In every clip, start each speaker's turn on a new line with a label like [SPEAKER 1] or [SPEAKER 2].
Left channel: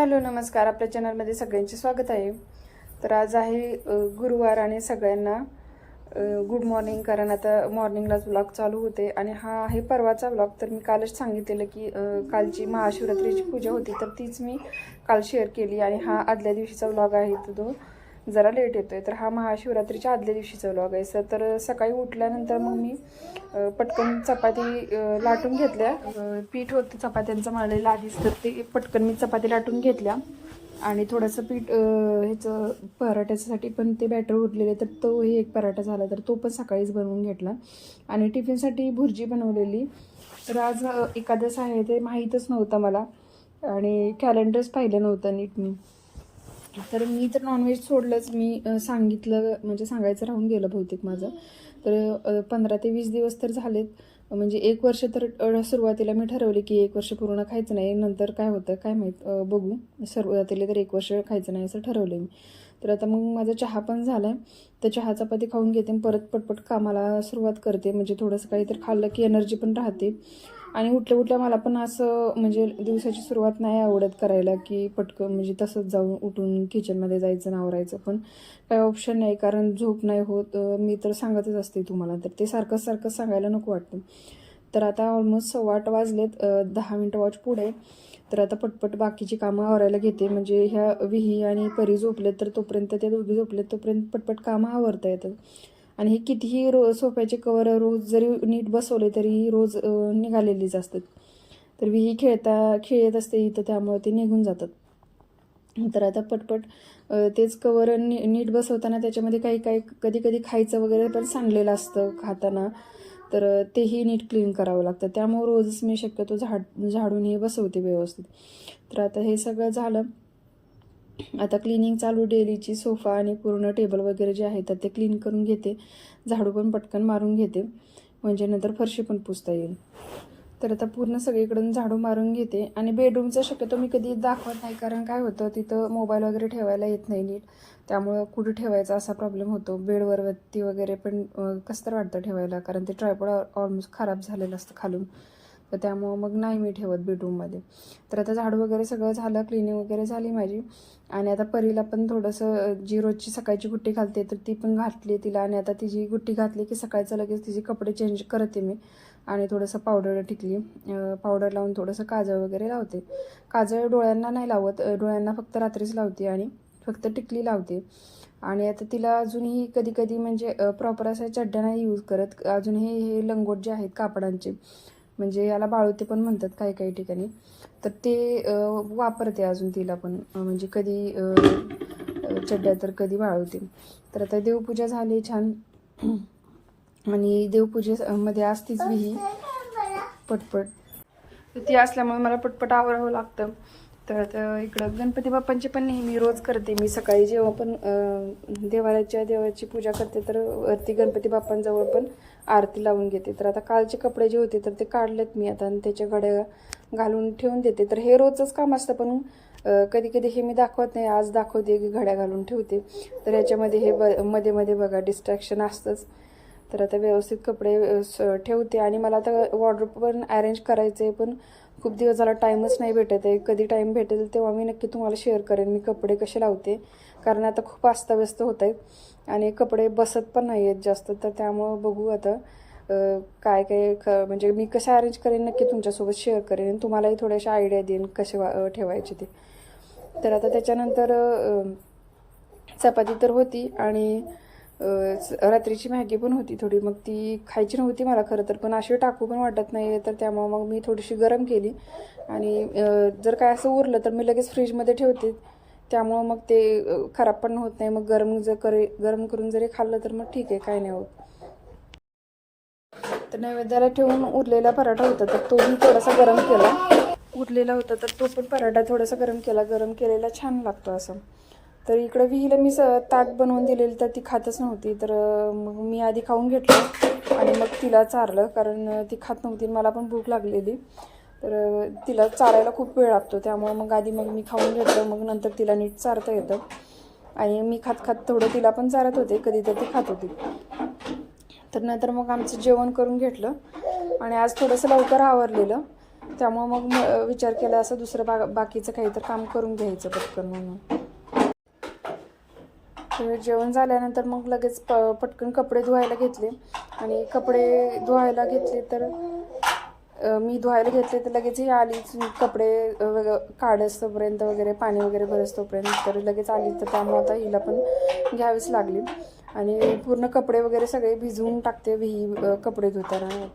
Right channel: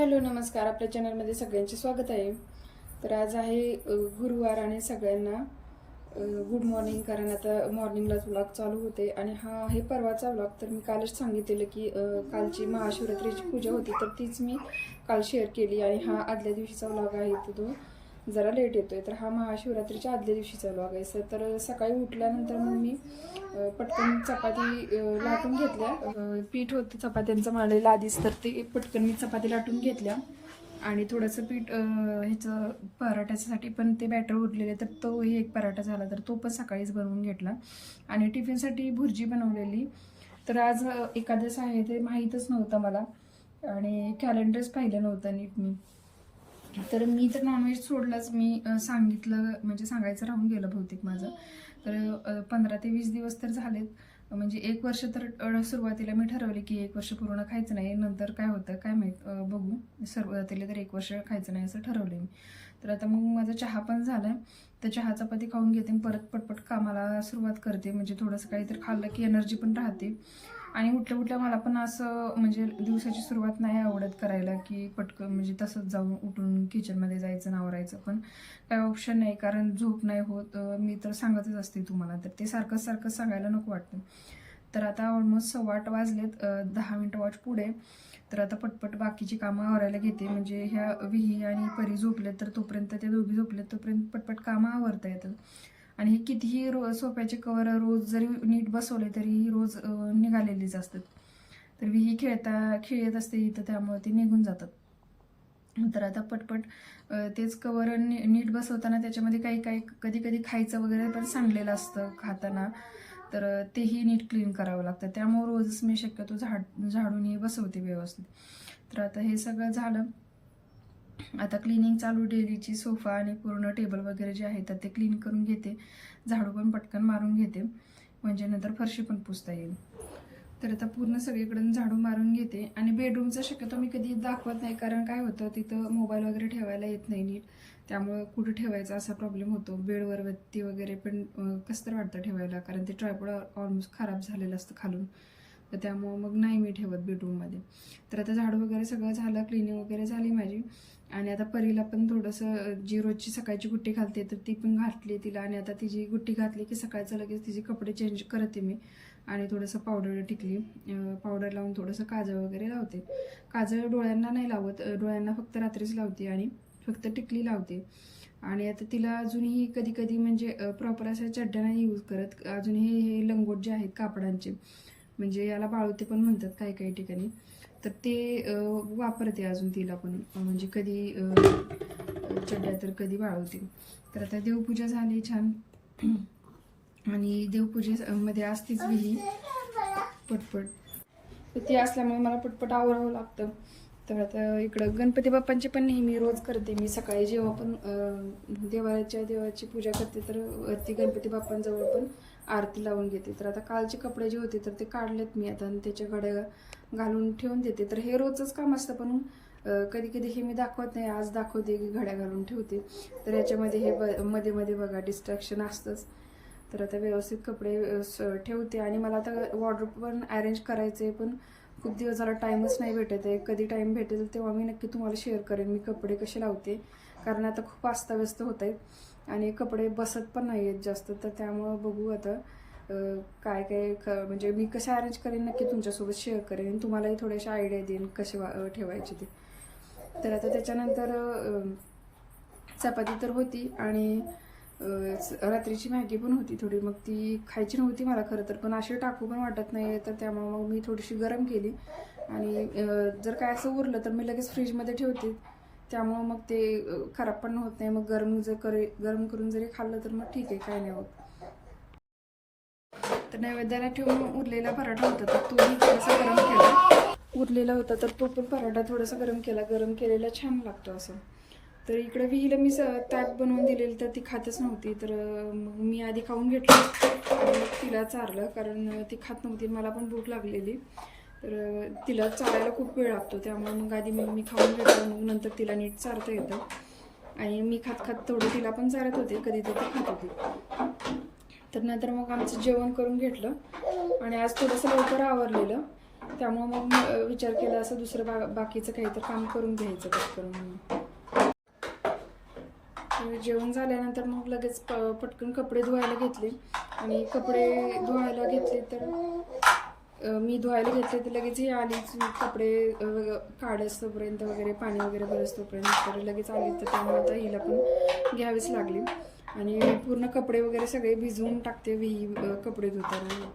[SPEAKER 1] Hello नमस्कार. आपल्या चॅनलमध्ये सगळ्यांचे स्वागत आहे. तर आज आहे गुरुवार आणि सगळ्यांना गुड मॉर्निंग कारण आता मॉर्निंगलाच ब्लॉग चालू होते आणि हा आहे परवाचा ब्लॉग तर मी कालच सांगितलेलं की कालची महाशिवरात्रीची पूजा होती तर तीच मी काल शेअर केली आणि हा आदल्या दिवशीचा ब्लॉग आहे तो. जरा लेट येतो आहे तर हा महाशिवरात्रीच्या आदल्या दिवशीचा व्लॉग आहे. सर तर सकाळी उठल्यानंतर मग मी पटकन चपाती लाटून घेतल्या. पीठ होतं चपात्यांचं मळलेलं आधीच तर ते पटकन मी चपाती लाटून घेतल्या. आणि थोडंसं पीठ ह्याचं पराठ्यासाठी पण ते बॅटर उरलेले तर तोही एक पराठा झाला तर तो पण सकाळीच बनवून घेतला. आणि टिफिनसाठी भुर्जी बनवलेली. तर आज अ, आहे ते माहीतच नव्हतं मला. आणि कॅलेंडरच पाहिलं नव्हतं नीट मी तर मी तर नॉनव्हेज सोडलंच. मी सांगितलं म्हणजे सांगायचं राहून गेलं बहुतेक माझं. तर पंधरा ते वीस दिवस तर झालेत. म्हणजे एक वर्ष तर सुरुवातीला मी ठरवले की एक वर्ष पूर्ण खायचं नाही. नंतर काय होतं काय माहीत बघू. सुरुवातीला तर एक वर्ष खायचं नाही असं ठरवलं मी. तर आता मग माझा चहा पण झाला आहे तर चहा चपाती खाऊन घेते आणि परत पटपट कामाला सुरुवात करते. म्हणजे थोडंसं काही तर खाल्लं की एनर्जी पण राहते. आणि उठल्या उठल्या मला पण असं म्हणजे दिवसाची सुरुवात नाही आवडत करायला की पटकन म्हणजे तसंच जाऊन उठून किचनमध्ये जायचं नावरायचं पण काही ऑप्शन नाही. कारण झोप नाही होत. मी तर सांगतच असते तुम्हाला तर ते सारखं सारखं सांगायला नको वाटतं. तर आता ऑलमोस्ट सव्वा आठ वाजलेत. दहा मिनटं वॉच पुढे. तर आता पटपट बाकीची कामं आवरायला घेते. म्हणजे ह्या विही आणि परी झोपलेत तर तोपर्यंत त्या दोघी झोपलेत तोपर्यंत पटपट कामं आवरता येतात. आणि हे कितीही रो सोफ्याचे कवर रोज जरी नीट बसवले तरी रोज निघालेलीच असतात. तर विही खेळता खेळत असते इथं त्यामुळे ते निघून जातात. तर आता पटपट तेच कवर नी नीट बसवताना त्याच्यामध्ये काही काही कधी कधी खायचं वगैरे पण सांडलेलं असतं खाताना. तर तेही नीट क्लीन करावं लागतं. त्यामुळे रोजच मी शक्यतो झाड झाडून हे बसवते व्यवस्थित. तर आता हे सगळं झालं. आता क्लिनिंग चालू डेलीची सोफा आणि पूर्ण टेबल वगैरे जे आहे तर ते क्लीन करून घेते. झाडू पण पटकन मारून घेते. म्हणजे नंतर फरशी पण पुसता येईल. तर आता पूर्ण सगळीकडून झाडू मारून घेते. आणि बेडरूमचं शक्यतो मी कधी दाखवत नाही कारण काय होतं तिथं मोबाईल वगैरे ठेवायला येत नाही नीट. त्यामुळं कुठं ठेवायचा असा प्रॉब्लेम होतो. बेडवर वगैरे पण कसं तर वाटतं ठेवायला कारण ते ट्रायपॉड ऑलमोस्ट खराब झालेलं असतं खालून. तर त्यामुळं मग नाही मी ठेवत बेडरूममध्ये तर आता झाडू वगैरे सगळं झालं क्लिनिंग वगैरे झाली माझी. आणि आता परीला पण थोडंसं जी रोजची सकाळची गुट्टी घालते तर ती पण घातली तिला. आणि आता तिची गुट्टी घातली की सकाळचं लगेच तिचे कपडे चेंज करते मी. आणि थोडंसं पावडर टिकली. पावडर लावून थोडंसं काजळ वगैरे लावते. काजळ डोळ्यांना नाही लावत डोळ्यांना फक्त रात्रीच लावते आणि फक्त टिकली लावते. आणि आता तिला अजूनही कधी कधी म्हणजे प्रॉपर अशा चड्ड्या नाही यूज करत अजूनही हे लंगोट जे आहेत कापडांचे म्हणजे याला बाळूते पण म्हणतात काही काही ठिकाणी. तर ते वापरते अजून तिला पण. म्हणजे कधी चड्ड्या तर कधी वाळवते तर आता देवपूजा झाली छान. आणि देवपूजेमध्ये असतीच विही पटपट. तर ती असल्यामुळे मला पटपट आवरावं लागतं. तर आता इकडं गणपती बाप्पांची पण नेहमी रोज करते मी. सकाळी जेव्हा पण देवाच्या देवाची पूजा करते तर वरती गणपती बाप्पांजवळ पण आरती लावून घेते. तर आता कालचे कपडे जे होते तर ते काढलेत मी आता. आणि त्याच्या घड्या घालून ठेवून देते. तर हे रोजच काम असतं पण कधी कधी हे मी दाखवत नाही. आज दाखवते की घड्या घालून ठेवते. तर याच्यामध्ये हे ब मध्ये मध्ये बघा डिस्ट्रॅक्शन असतंच. तर आता व्यवस्थित कपडे स- ठेवते. आणि मला आता वॉर्डरोब पण अरेंज करायचं आहे पण खूप दिवस झाला टाईमच नाही भेटत आहे. कधी टाईम भेटेल तेव्हा मी नक्की तुम्हाला शेअर करेन. मी कपडे कसे लावते? कारण आता खूप अस्ताव्यस्त होत आहेत आणि कपडे बसत पण नाही आहेत जास्त. तर त्यामुळं बघू आता. काय काय ख म्हणजे मी कसं अरेंज करेन नक्की तुमच्यासोबत शेअर करेन आणि तुम्हालाही थोड्याशा आयडिया देईन कसे वा ठेवायचे ते. तर आता त्याच्यानंतर चपाती तर होती आणि स- रात्रीची मॅगी पण होती थोडी. मग ती खायची नव्हती मला खरं तर पण अशी टाकू पण वाटत नाही तर त्यामुळं मग मी थोडीशी गरम केली आणि जर काय असं उरलं तर मी लगेच फ्रीजमध्ये ठेवते. त्यामुळं मग ते खराब पण होत नाही. मग गरम जर करे गरम करून जरी खाल्लं तर मग ठीक आहे काय नाही होत. तर नैवेद्याला ठेवून उरलेला पराठा होता तर तोही थोडासा गरम केला. उरलेला होता तर तो पण पराठा थोडासा गरम केला. गरम केलेला छान लागतो असं. तर इकडं विहीला मी स ताट बनवून दिलेली तर ती खातच नव्हती तर मग मी आधी खाऊन घेतलं आणि मग तिला चारलं कारण ती खात नव्हती आणि मला पण भूक लागलेली. तर तिला चारायला खूप वेळ लागतो त्यामुळे मग आधी मग मी खाऊन घेतलं मग नंतर तिला नीट चारता येतं. आणि मी खात खात थोडं तिला पण चारत होते कधी तर ती खात होती. तर नंतर मग आमचं जेवण करून घेतलं. आणि आज थोडंसं लवकर आवरलेलं. त्यामुळं मग विचार केला असं दुसरं बा बाकीचं काही तर काम करून घ्यायचं पटकन म्हणून. जेवण झाल्यानंतर मग लगेच प पटकन कपडे धुवायला घेतले. आणि कपडे धुवायला घेतले तर मी धुवायला घेतले तर लगेच ही आलीच कपडे अ, वग काढस्तोपर्यंत वगैरे पाणी वगैरे भरस्तोपर्यंत तर लगेच आली. तर त्यामुळे आता हिला पण घ्यावीच लागली. आणि पूर्ण कपडे वगैरे सगळे भिजवून टाकते विही कपडे धुताना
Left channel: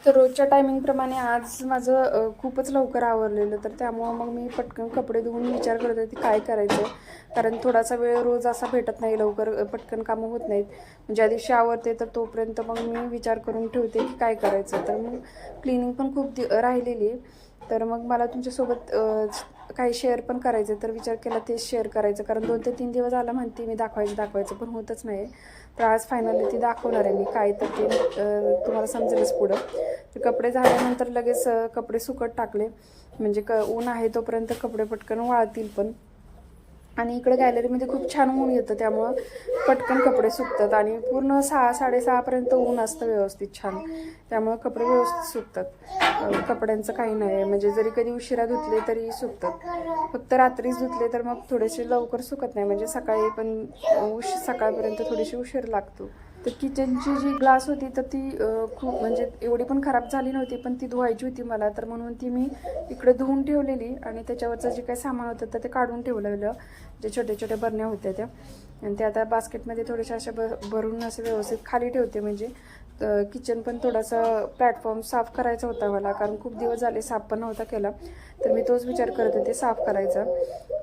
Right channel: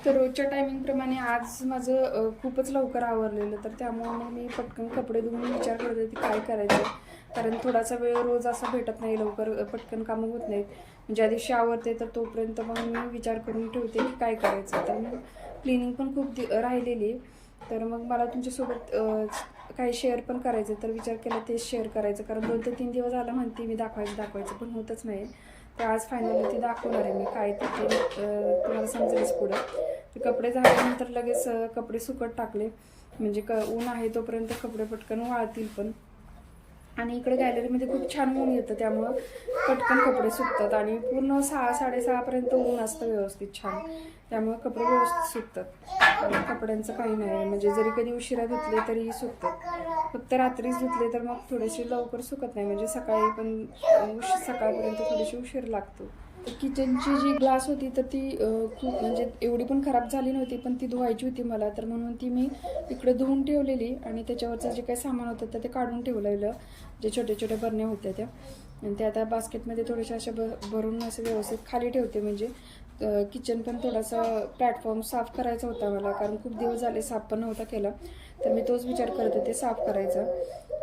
[SPEAKER 1] तर रोजच्या टायमिंगप्रमाणे आज माझं खूपच लवकर आवरलेलं. तर त्यामुळं मग मी पटकन कपडे धुवून विचार करत होते काय करायचं. कारण थोडासा वेळ रोज असा भेटत नाही लवकर पटकन कामं होत नाहीत. म्हणजे ज्या दिवशी आवरते तर तोपर्यंत मग मी विचार करून ठेवते की काय करायचं. तर मग क्लिनिंग पण खूप दि राहिलेली तर मग मला तुमच्यासोबत काही शेअर पण करायचं तर विचार केला तेच शेअर करायचं. कारण दोन ते तीन दिवस आला म्हणते मी दाखवायचं दाखवायचं पण होतच नाही. तर आज फायनली ती दाखवणार आहे मी काय तर ते तुम्हाला समजेलच पुढं. तर कपडे झाल्यानंतर लगेच कपडे सुकत टाकले. म्हणजे क ऊन आहे तोपर्यंत कपडे पटकन वाळतील पण. आणि इकडे गॅलरीमध्ये खूप छान ऊन येतं त्यामुळं पटकन कपडे सुकतात आणि पूर्ण सहा साडेसहापर्यंत ऊन असतं व्यवस्थित छान. त्यामुळं कपडे व्यवस्थित सुकतात. कपड्यांचं काही नाही आहे. म्हणजे जरी कधी उशिरा धुतले तरी सुकतात. फक्त रात्रीच धुतले तर मग थोडेसे लवकर सुकत नाही. म्हणजे सकाळी पण उश सकाळपर्यंत थोडीशी उशीर लागतो. तर किचनची जी ग्लास होती तर ती खूप म्हणजे एवढी पण खराब झाली नव्हती पण ती धुवायची होती मला. तर म्हणून ती मी इकडे धुवून ठेवलेली आणि त्याच्यावरचं जे काही सामान होतं तर ते काढून ठेवलेलं. जे छोटे छोटे बरण्या होत्या त्या. आणि ते आता बास्केटमध्ये थोडेशा अशा भ भरून असं व्यवस्थित खाली ठेवते म्हणजे किचन पण थोडासा प्लॅटफॉर्म साफ करायचा होता मला कारण खूप दिवस झाले साफ पण नव्हता केला. तर मी तोच विचार करत होते साफ करायचा.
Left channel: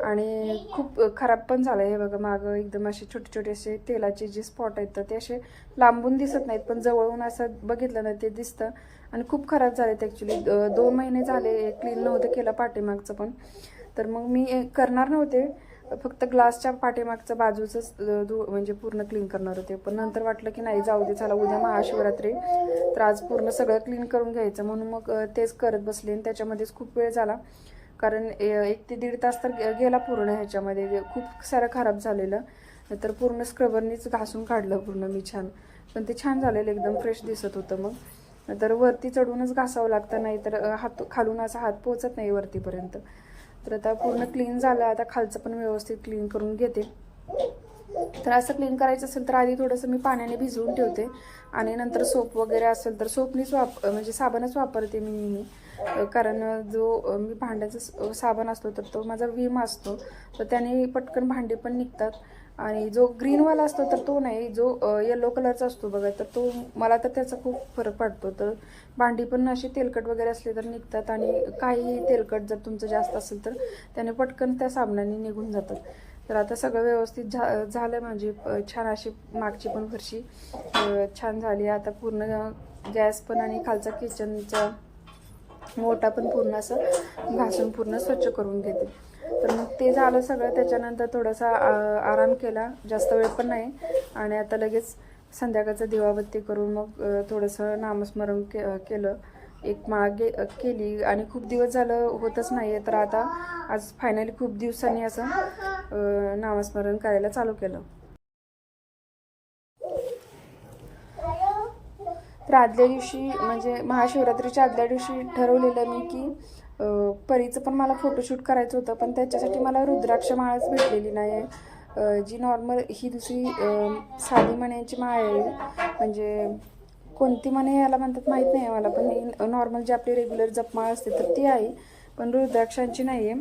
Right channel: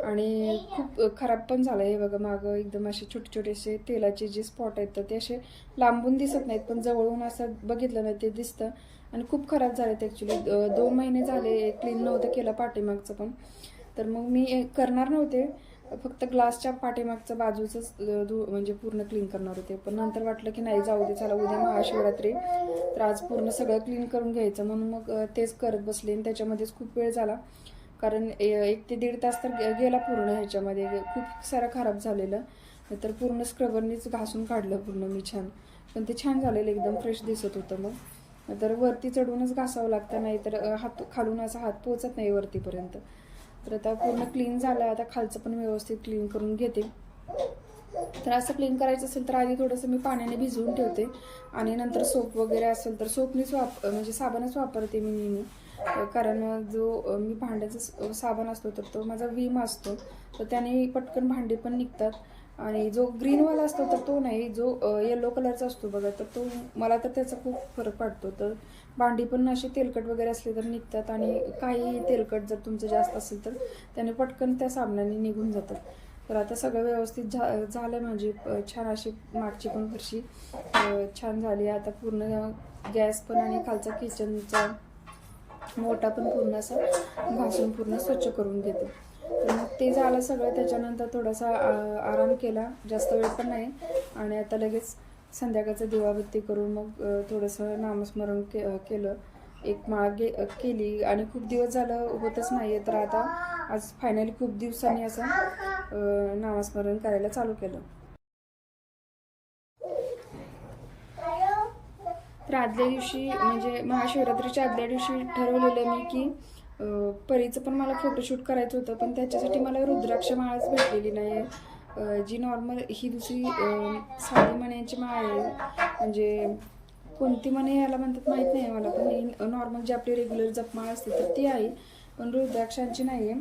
[SPEAKER 1] आणि खूप खराब पण झालं हे बघा मागं एकदम असे छोटे छोटे असे तेलाचे जे स्पॉट आहेत तर ते असे लांबून दिसत नाहीत पण जवळून असं बघितलं ना ते दिसतं. आणि खूप खराब झालेत ॲक्च्युली दोन महिने झाले क्लीन नव्हतं केलं पाठीमागचं पण. तर मग मी करणार नव्हते. फक्त ग्लासच्या पाठीमागचं बाजूचंच अ, धु म्हणजे पूर्ण क्लीन करणार होते. पण नंतर वाटलं की नाही जाऊ दे चला उद्या महाशिवरात्री. तर आज पूर्ण सगळं क्लीन करून घ्यायचं. म्हणून मग तेच करत बसले आणि त्याच्यामध्येच खूप वेळ झाला. कारण ए- एक ते दीड तास तर गेला पूर्ण ह्याच्यामध्ये. खूप सारं खराब झालेलं. तर पूर्ण स्क्रबरनीच घासून काढलं पूर्ण मी छान. पण ते छान झालेलं एकदम फ्रेश दिसत होतं मग. तर वरती चढूनच घासावं लागतं. नाही तर हात खालून असा हात पोचत नाही वरतीपर्यंत. तर आता पूर्ण क्लीन झालं. आता खालचं पण व्यवस्थित क्लीन करून घेते. तर असं क्लीन करायचं असेल तर आधी थोडंसं मी पाण्याने भिजवून ठेवते. आणि नंतर सोप वगैरे असेल तर सोपनीच वाप म्हणजे साबणच वापरते मी नेहमी. कारण जो मी भांड्याचा साबण असतो तर तो माझा विम असतो. तर त्याने पटकन भांडे पण निघतात. आणि जो ग्रीनवाला असतो तर तो नाही जो येलो कलरचा असतो बघा तर तो मला तर त्याचा खूप फरक पडतो. तर भांडी पण अशी तेलकट वगैरे असली तर निघतात आणि काही तेलकट जर तुमचं जास्त असेल तर त्याने पटकन त्या साबणाने निघून जातात. तर आता सगळं व्यवस्थित झा झालं म्हणजे छान अशी मागची पण फरशी छान झाली. आता पूर्ण गॅस पण आणि खालचा किचनचा मोठा पण पूर्ण असं घासून पूर्ण स्वच्छ करून घेते. तर मग ते झालं सगळं. त्याच्यानंतर थोडासा आ- आराम केला. जास्त वेळ पण नाही. आणि आता लगेच संध्याकाळचं दिवाबत्ती करून मग थोडंसं नामस्मरण के केलं. एक मागे केली. आणि खूप दिवस झालं होतच नाही आहे तर आता आज फायनली खूप दिवसांनी असं नामस्मरण करायला चालू केलं. तर आदल्या दिवशी म्हणजे महाशिवरात्रीच्या आदल्या दिवशी ठरवलेलं मी की परीचं पण मला फोटोशूट करायचं होतं पण त्याच्यासाठी मला रुद्राक्ष माळच भेटलेली नाही आहे जी नॉर्मल ही दुसरी साधी मण्याची माळ आहे. म्हणजे कोणती मणे याला म्हणतात माहीत नाही आहे मला पण ही नॉर्मल जी आपली रेग्युलर जपमाळ असते तर ती आहे. पण रुद्राक्षांची नाही आहे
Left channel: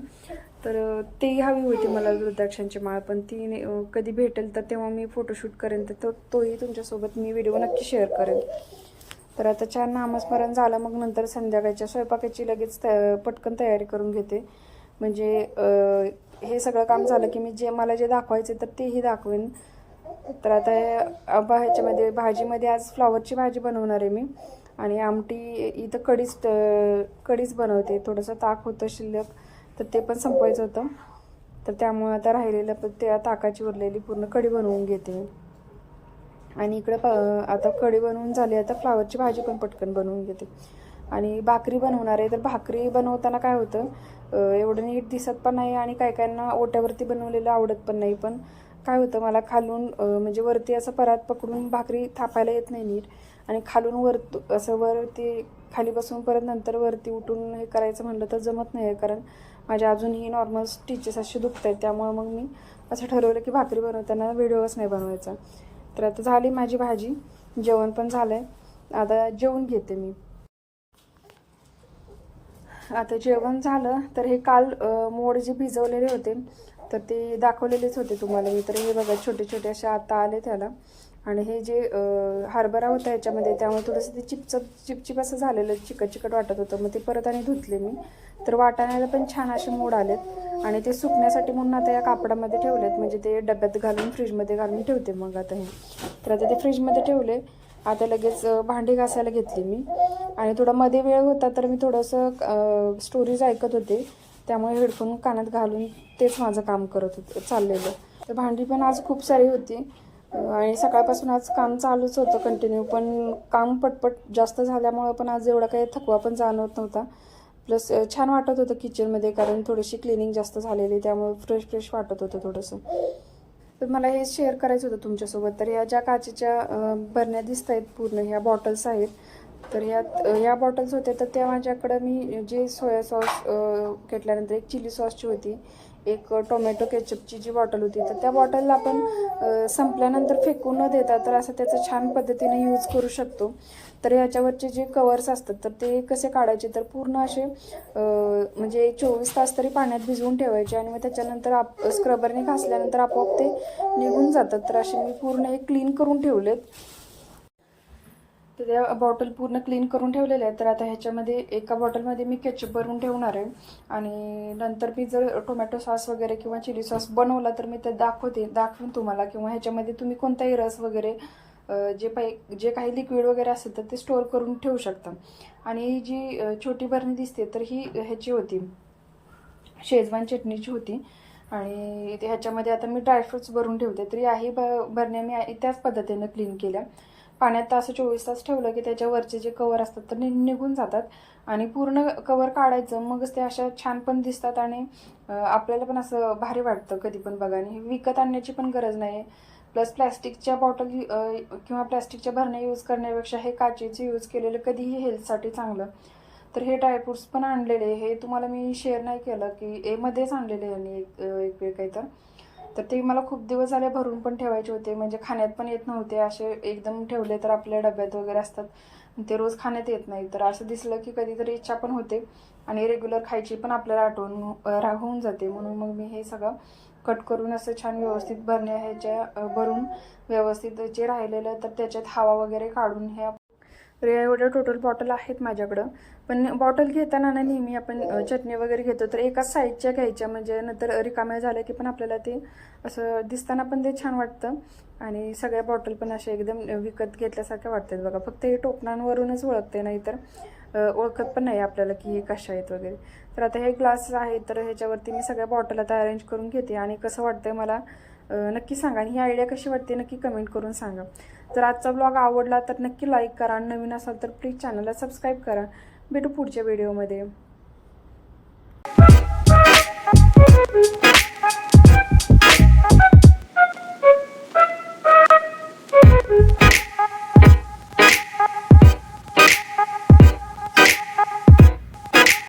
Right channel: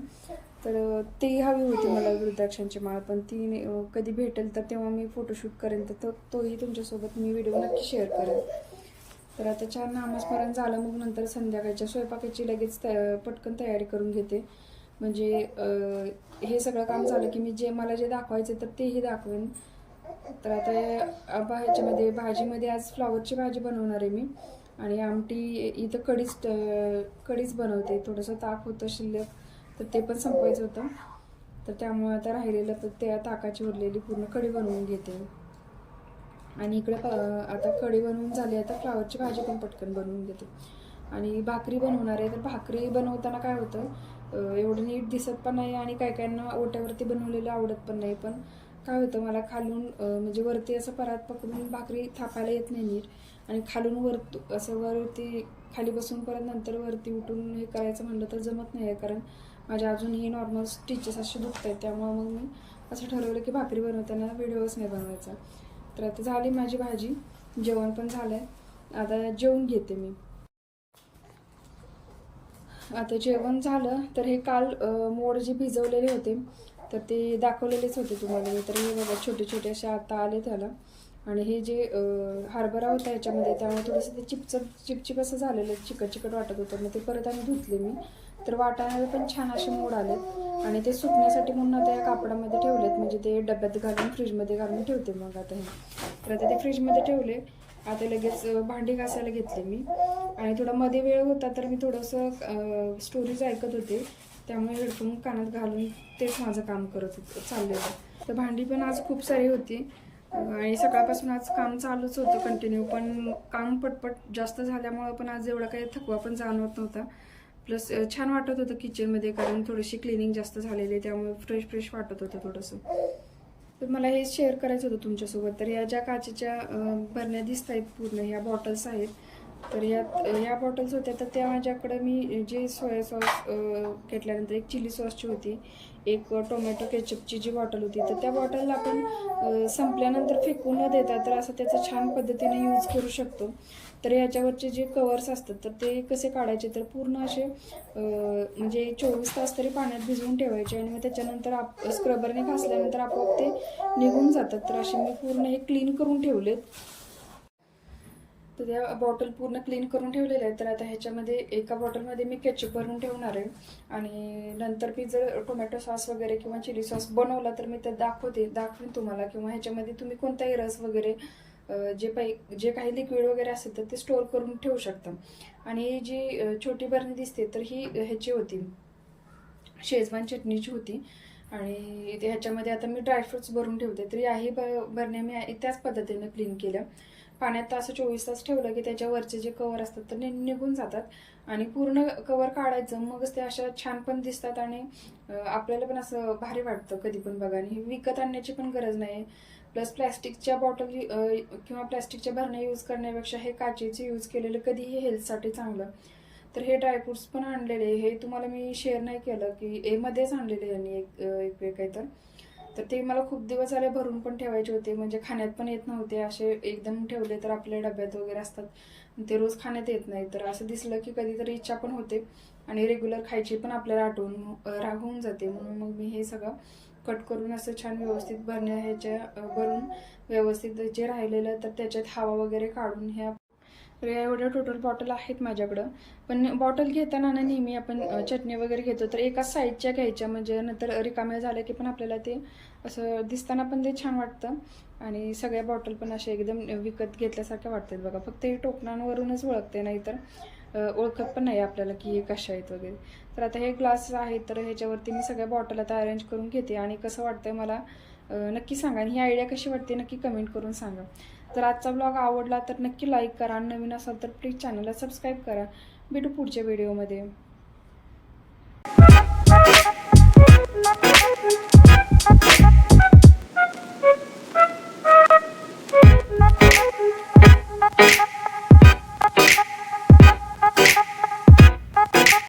[SPEAKER 1] तर अ, हवी होती मला रुद्राक्षांची माळ पण ती कधी भेटेल तर तेव्हा मी फोटोशूट करेन तर तो तोही तुमच्यासोबत मी व्हिडिओ नक्की शेअर करेन. तर आता छान नामस्मरण झालं मग नंतर संध्याकाळच्या स्वयंपाकाची लगेच त- पटकन तयारी करून घेते. म्हणजे हे सगळं काम झालं की मी जे मला जे दाखवायचे तर तेही दाखवेन. तर आता बा ह्याच्यामध्ये भाजीमध्ये आज फ्लॉवरची भाजी बनवणार आहे मी. आणि आमटी इथं कढीच कडीच कढीच बनवते. थोडंसं ताक होतं शिल्लक तर ते पण संपवायचं होतं. तर त्यामुळे आता राहिलेलं पण त्या ताकाची उरलेली पूर्ण कढी बनवून घेते आणि इकडं प आता कढी बनवून झाली. आता फ्लावरची भाजी पण पटकन बनवून घेते. आणि भाकरी बनवणार आहे. तर भाकरी बनवताना काय होतं एवढं नीट दिसत पण नाही आणि काय काहींना ओट्यावरती बनवलेलं आवडत पण नाही. पण काय होतं मला खालून म्हणजे वरती असं परात पकडून भाकरी थापायला येत नाही नीट. आणि खालून वर असं वरती खाली बसून परत नंतर वरती उठून हे करायचं म्हणलं तर जमत नाही. आहे कारण माझ्या अजूनही नॉर्मल स्टिचेस असे दुखत आहेत त्यामुळे मग मी असं ठरवलं की भाकरी बनवताना व्हिडिओच नाही बनवायचा. तर आता झाली माझी भाजी. जेवण पण झालं आहे आता जेवून घेते मी. आता जेवण झालं तर हे काल मोड जे भिजवलेले होते तर ते दाखवलेलेच होते तुम्हाला मी. तर हे बघा छोटे छोटे असे आता आले त्याला. आणि हे जे हरभरा होता याच्यामध्ये त्यामुळे थोडंसं ते चिपचप चिपचिप असं झालेलं चिकट चिकट वाटत होतं. मग ते परत आणि धुतले मी. तर वाटाण्याला पण छान असे मोड आलेत. आणि ते सुकण्यासाठी म्हणून आता या कापडामध्ये ठेवलेत. म्हणजे ते डब्यात घालून फ्रीजमध्ये घालून ठेवते मग आता हे. तर आता ते फ्रीजमध्ये ठेवले. आता लगेच भांडी घासायला घेतली मी. आणि थोडा मध्ये वेळ होता तर मी थोडंसं स्टोरीज ऐकत होते. त्यामुळे हेडफोन कानात घालून तेच माझं काम करत होतं चाललेलं. तर भांडी पण आज खूप सारी होती. आणि सकाळपासून आज काम चालूच होतं कंटिन्यू पण काम पटपट जास्त झाल्यामुळं पण आज एवढा काही थकवा पण जाणवत नव्हता. प्लस छान वाटत होतं किचनमध्ये कारण थोडीशी क्लिनिंग जास्त झालेली त्यामुळे फ्रेश फ्रेश वाटत होतं थोडंसं. तर मला हे शेअर करायचं होतं तुमच्यासोबत. तर ह्या ज्या काचेच्या भरण्या बरण्या दिसत आहेत पूर्ण ह्या बॉटल्स आहेत. तर ह्यात ह्या बॉटल्स होत्या तर त्या माझ्याकडं मी जे सोया सॉस घेतल्यानंतर एक चिली सॉसची होती एक टोमॅटो केचपची जी बॉटल होती तर त्या बॉटलला आपण संपल्यानंतर फेकू न देता तर असं त्याचं छान पद्धतीने यूज करू शकतो. तर ह्याच्यावरचे जे कवर्स असतात तर ते कसे काढायचे? तर पूर्ण असे म्हणजे चोवीस तास तरी पाण्यात भिजवून ठेवायचे आणि मग त्याच्यानंतर आप स्क्रबरने घासल्यानंतर आपोआप ते निघून जातात. तर असे मी पूर्ण हे क्लीन करून ठेवलेत. तर त्या बॉटल पूर्ण क्लीन करून ठेवलेल्या आहेत. तर आता ह्याच्यामध्ये एका बॉटलमध्ये मी केचप भरून ठेवणार आहे. आणि नंतर मी जर टोमॅटो सॉस वगैरे किंवा चिली सॉस बनवला तर मी ते दाखवते दाखवेन तुम्हाला. किंवा ह्याच्यामध्ये तुम्ही कोणताही रस वगैरे जे पै जे काही लिक्विड वगैरे असेल तर ते स्टोअर करून ठेवू शकता. आणि जी छोटी बरणी दिसते तर ही ह्याची होती. शेजवान चटणीची होती. आणि ह्याच्यामध्ये आता मी ड्रायफ्रुट्स भरून ठेवते. तर याही ब बरण्या मी त्याच पद्धतीनं क्लीन केल्या. पाण्यात तर असं चोवीस तास ठेवलं की त्याच्यावरचे जे कवर असतात तर नि- निघून जातात. आणि पूर्ण कवर काढायचं मगच ते अशा छान पण दिसतात आणि आपल्याला पण असं भारी वाटतं कधी पण बघा. आणि हे विकत आणण्याची पण गरज नाही. प्लस प्लॅस्टिकच्या बॉटल किंवा प्लॅस्टिकच्या भरण्या यूज करण्यापेक्षा हे काचेचे यूज केलेलं कधीही हेल्थसाठी चांगलं. तर हे ड्रायफ्रुट्स पण आणलेले हे तुम्हाला मी शेअर नाही केलं की एमध्येच आणलेले यांनी एक एक वेळ काही तर तर ते मला खूप दिवस झाले भरून पण ठेवायचे होते. म्हणजे खाण्यात पण येत नव्हते. असे एकदम ठेवले तर आपल्या डब्यात वगैरे असतात. ते रोज खाण्यात येत नाही. तर असं दिसलं की कधीतरी इच्छा पण होते. आणि रेग्युलर खायची पण आपल्याला आठवण राहून जाते. म्हणून मग मी हे सगळं कट करून असं छान व्यवस्थित भरण्या ह्याच्या भरून व्यवस्थित जे राहिलेलं तर त्याच्यात हवा वगैरे काढून ह्या तर या एवढ्या टोटल बॉटल आहेत माझ्याकडं. पण बॉटल घेताना ना नेहमी आपण चटणी वगैरे घेतो. तर एकाच साईजच्या घ्यायच्या. म्हणजे नंतर रिकाम्या झाल्या की पण आपल्याला ते असं दिसताना पण ते छान वाटतं. आणि सगळ्या बॉटल पण अशा एकदम विकत घेतल्यासारख्या वाटतात बघा. फक्त हे टोपणांवरूनच ओळखते नाही तर ओळखत पण नाही आपल्याला की हे कशा आहेत वगैरे. तर आता हे ग्लास आहेत तर ह्याच्यावरती मी सगळ्या बॉटल आता अरेंज करून घेते आणि कसं वाटतंय मला नक्की सांगा आणि ही आयडिया कशी वाटते नक्की कमेंट करून सांगा. जर आजचा ब्लॉग आवडला तर नक्की लाईक करा आणि नवीन असाल तर प्लीज चॅनलला सबस्क्राईब करा. भेटू पुढच्या व्हिडिओमध्ये